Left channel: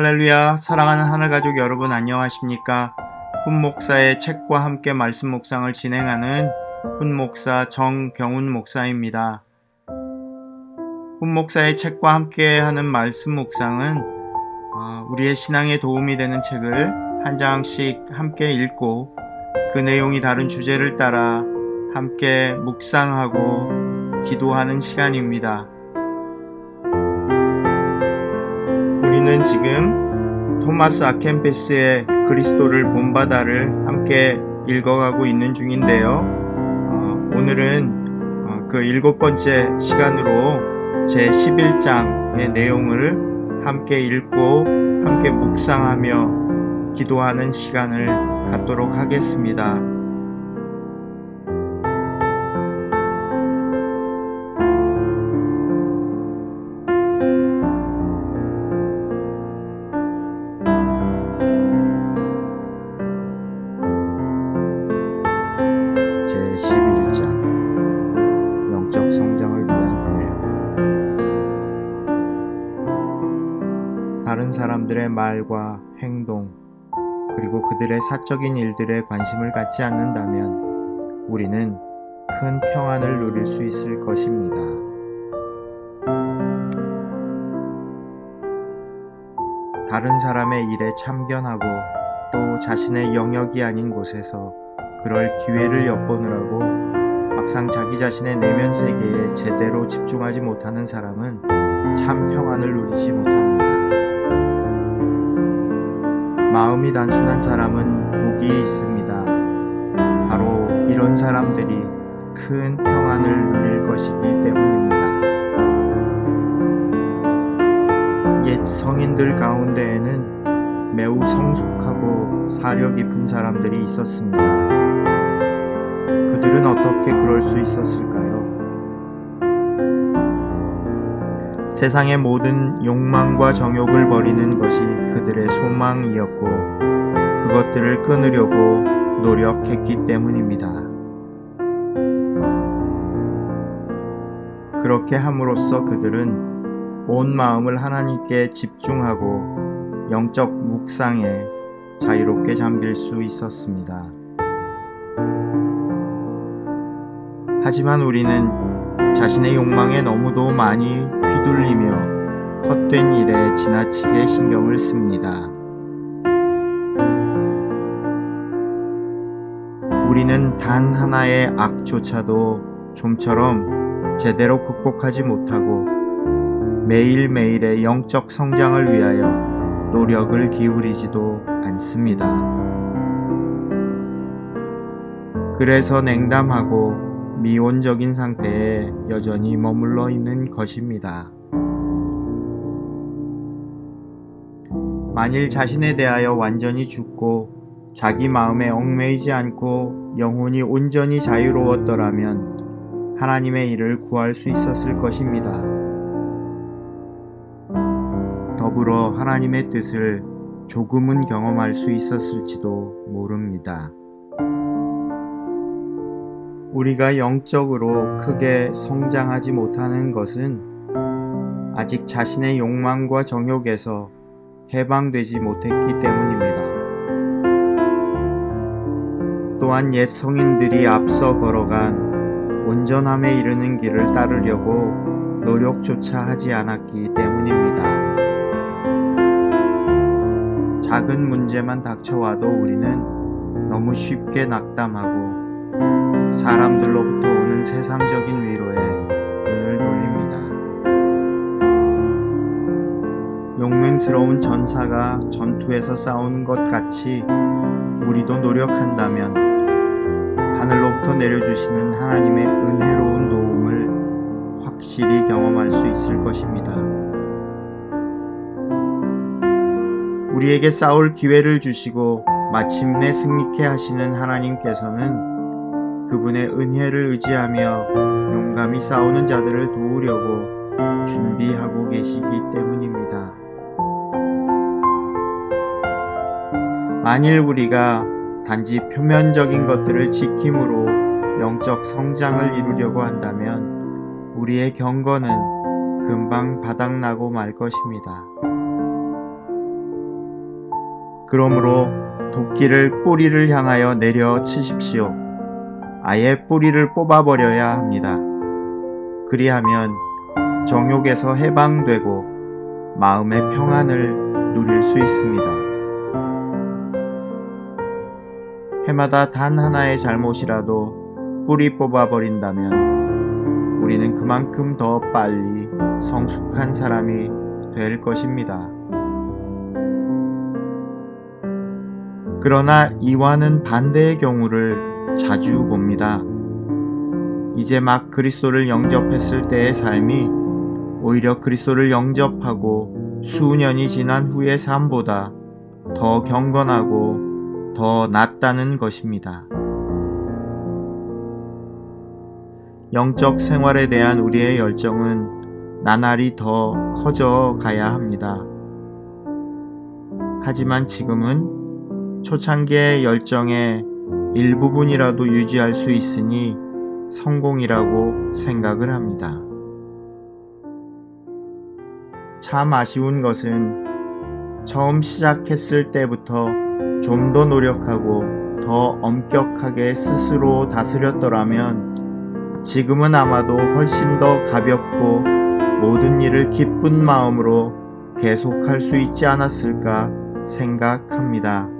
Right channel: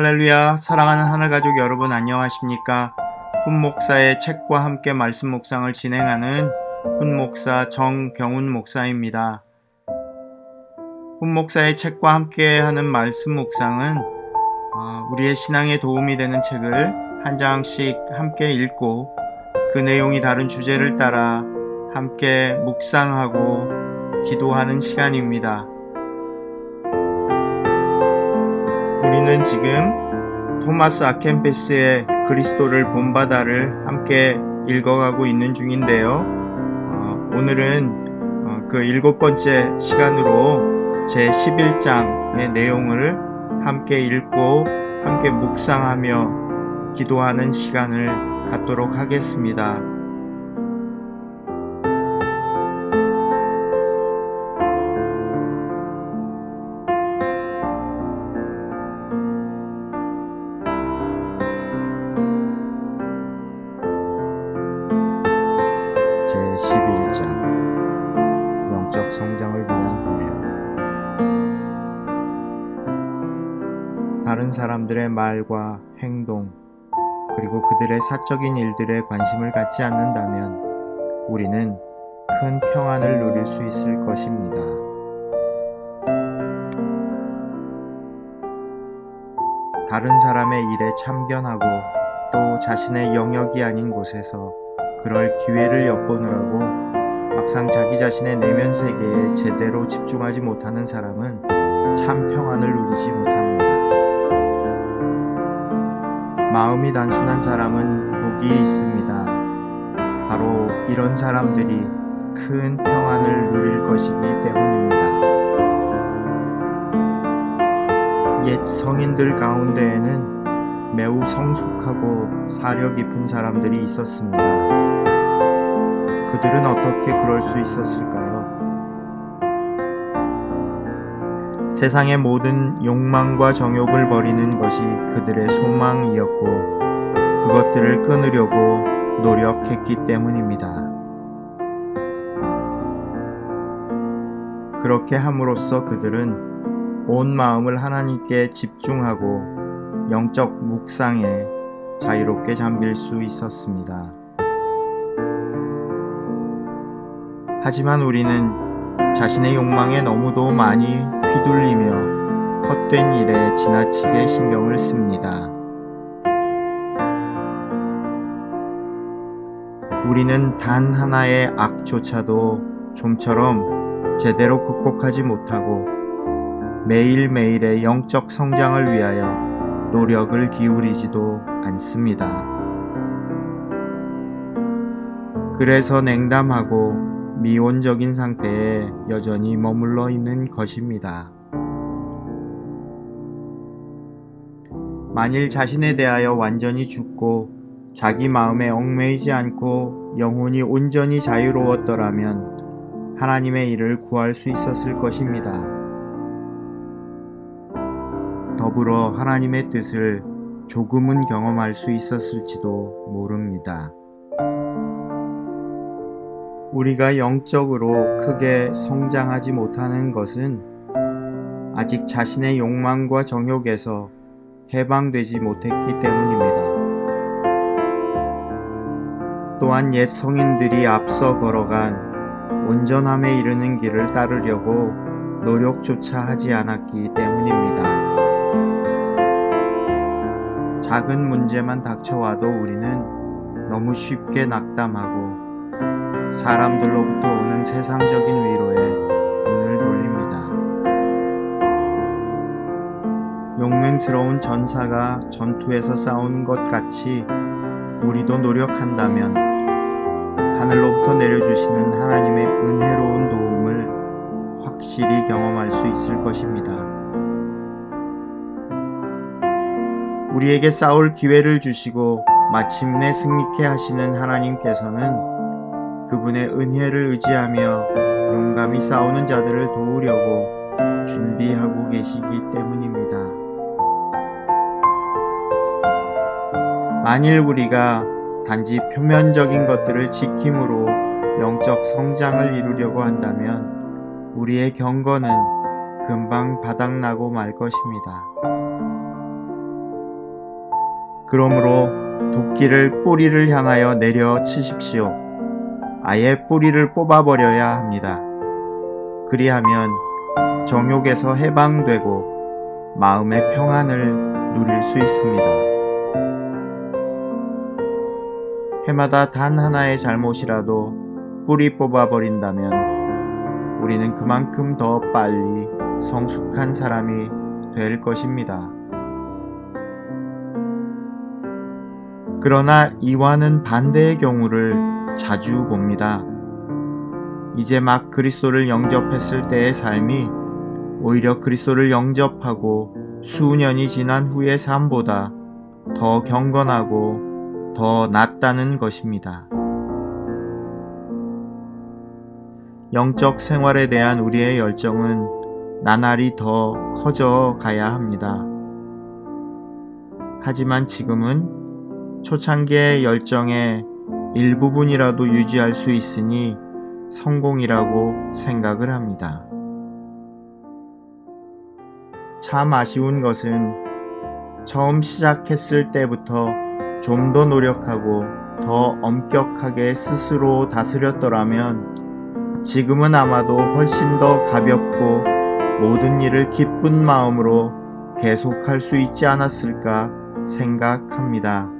할렐루야, 사랑하는 하늘가족 여러분 안녕하십니까? 훈목사의 책과 함께 말씀 묵상을 진행하는 훈목사 정경훈 목사입니다. 훈목사의 책과 함께 하는 말씀 묵상은 우리의 신앙에 도움이 되는 책을 한 장씩 함께 읽고 그 내용이 다른 주제를 따라 함께 묵상하고 기도하는 시간입니다. 우리는 지금 토마스 아켄페스의 그리스도를 본받아를 함께 읽어가고 있는 중인데요. 오늘은 그 7번째 시간으로 제 11장의 내용을 함께 읽고 함께 묵상하며 기도하는 시간을 갖도록 하겠습니다. 제 11장 영적 성장을 위한 훈련. 다른 사람들의 말과 행동 그리고 그들의 사적인 일들에 관심을 갖지 않는다면 우리는 큰 평안을 누릴 수 있을 것입니다. 다른 사람의 일에 참견하고 또 자신의 영역이 아닌 곳에서 그럴 기회를 엿보느라고 막상 자기 자신의 내면 세계에 제대로 집중하지 못하는 사람은 참 평안을 누리지 못합니다. 마음이 단순한 사람은 복이 있습니다. 바로 이런 사람들이 큰 평안을 누릴 것이기 때문입니다. 옛 성인들 가운데에는 매우 성숙하고 사려 깊은 사람들이 있었습니다. 그들은 어떻게 그럴 수 있었을까요? 세상의 모든 욕망과 정욕을 버리는 것이 그들의 소망이었고 그것들을 끊으려고 노력했기 때문입니다. 그렇게 함으로써 그들은 온 마음을 하나님께 집중하고 영적 묵상에 자유롭게 잠길 수 있었습니다. 하지만 우리는 자신의 욕망에 너무도 많이 휘둘리며 헛된 일에 지나치게 신경을 씁니다. 우리는 단 하나의 악조차도 좀처럼 제대로 극복하지 못하고 매일매일의 영적 성장을 위하여 노력을 기울이지도 않습니다. 그래서 냉담하고 미온적인 상태에 여전히 머물러 있는 것입니다. 만일 자신에 대하여 완전히 죽고 자기 마음에 얽매이지 않고 영혼이 온전히 자유로웠더라면 하나님의 일을 구할 수 있었을 것입니다. 더불어 하나님의 뜻을 조금은 경험할 수 있었을지도 모릅니다. 우리가 영적으로 크게 성장하지 못하는 것은 아직 자신의 욕망과 정욕에서 해방되지 못했기 때문입니다. 또한 옛 성인들이 앞서 걸어간 온전함에 이르는 길을 따르려고 노력조차 하지 않았기 때문입니다. 작은 문제만 닥쳐와도 우리는 너무 쉽게 낙담하고 사람들로부터 오는 세상적인 위로에 눈을 돌립니다. 용맹스러운 전사가 전투에서 싸우는 것 같이 우리도 노력한다면 하늘로부터 내려주시는 하나님의 은혜로운 도움을 확실히 경험할 수 있을 것입니다. 우리에게 싸울 기회를 주시고 마침내 승리케 하시는 하나님께서는 그분의 은혜를 의지하며 용감히 싸우는 자들을 도우려고 준비하고 계시기 때문입니다. 만일 우리가 단지 표면적인 것들을 지킴으로 영적 성장을 이루려고 한다면 우리의 경건은 금방 바닥나고 말 것입니다. 그러므로 도끼를 뿌리를 향하여 내려 치십시오. 아예 뿌리를 뽑아버려야 합니다. 그리하면 정욕에서 해방되고 마음의 평안을 누릴 수 있습니다. 해마다 단 하나의 잘못이라도 뿌리 뽑아버린다면 우리는 그만큼 더 빨리 성숙한 사람이 될 것입니다. 그러나 이와는 반대의 경우를 자주 봅니다. 이제 막 그리스도를 영접했을 때의 삶이 오히려 그리스도를 영접하고 수년이 지난 후의 삶보다 더 경건하고 더 낫다는 것입니다. 영적 생활에 대한 우리의 열정은 나날이 더 커져 가야 합니다. 하지만 지금은 초창기의 열정의 일부분이라도 유지할 수 있으니 성공이라고 생각을 합니다. 참 아쉬운 것은 처음 시작했을 때부터 좀 더 노력하고 더 엄격하게 스스로 다스렸더라면 지금은 아마도 훨씬 더 가볍고 모든 일을 기쁜 마음으로 계속할 수 있지 않았을까 생각합니다.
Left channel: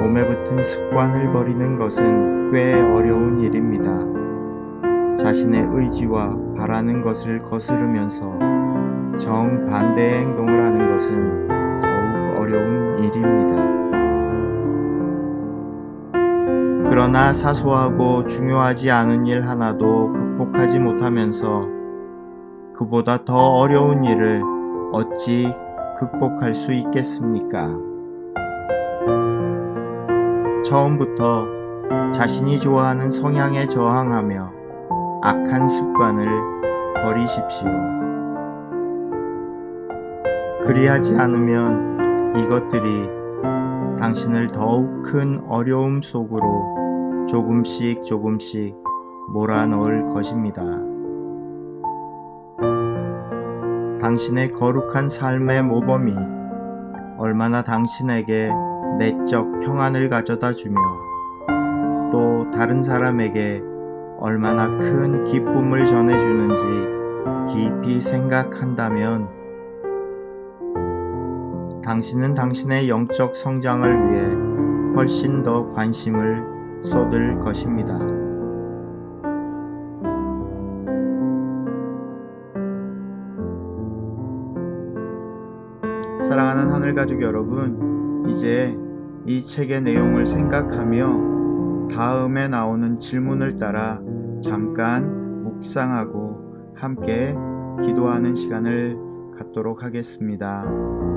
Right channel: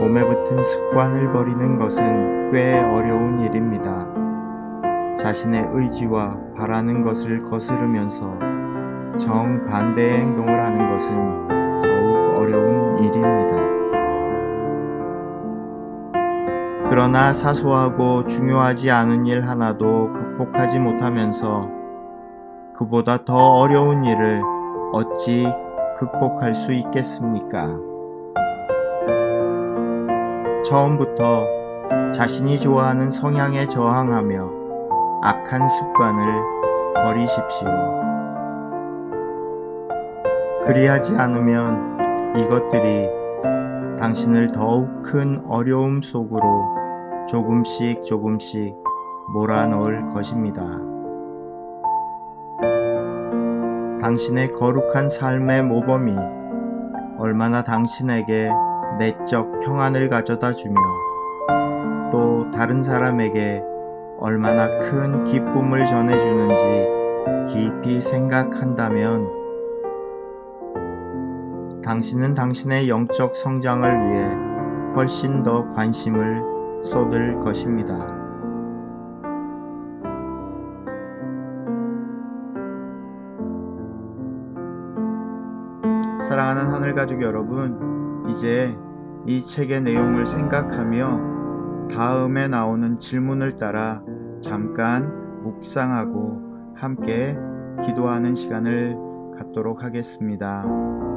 몸에 붙은 습관을 버리는 것은 꽤 어려운 일입니다. 자신의 의지와 바라는 것을 거스르면서 정반대의 행동을 하는 것은 더욱 어려운 일입니다. 그러나 사소하고 중요하지 않은 일 하나도 극복하지 못하면서 그보다 더 어려운 일을 어찌 극복할 수 있겠습니까? 처음부터 자신이 좋아하는 성향에 저항하며 악한 습관을 버리십시오. 그리하지 않으면 이것들이 당신을 더욱 큰 어려움 속으로 조금씩 몰아넣을 것입니다. 당신의 거룩한 삶의 모범이 얼마나 당신에게 내적 평안을 가져다 주며 또 다른 사람에게 얼마나 큰 기쁨을 전해주는지 깊이 생각한다면 당신은 당신의 영적 성장을 위해 훨씬 더 관심을 쏟을 것입니다. 사랑하는 하늘가족 여러분, 이제 이 책의 내용을 생각하며 다음에 나오는 질문을 따라 잠깐 묵상하고 함께 기도하는 시간을 갖도록 하겠습니다.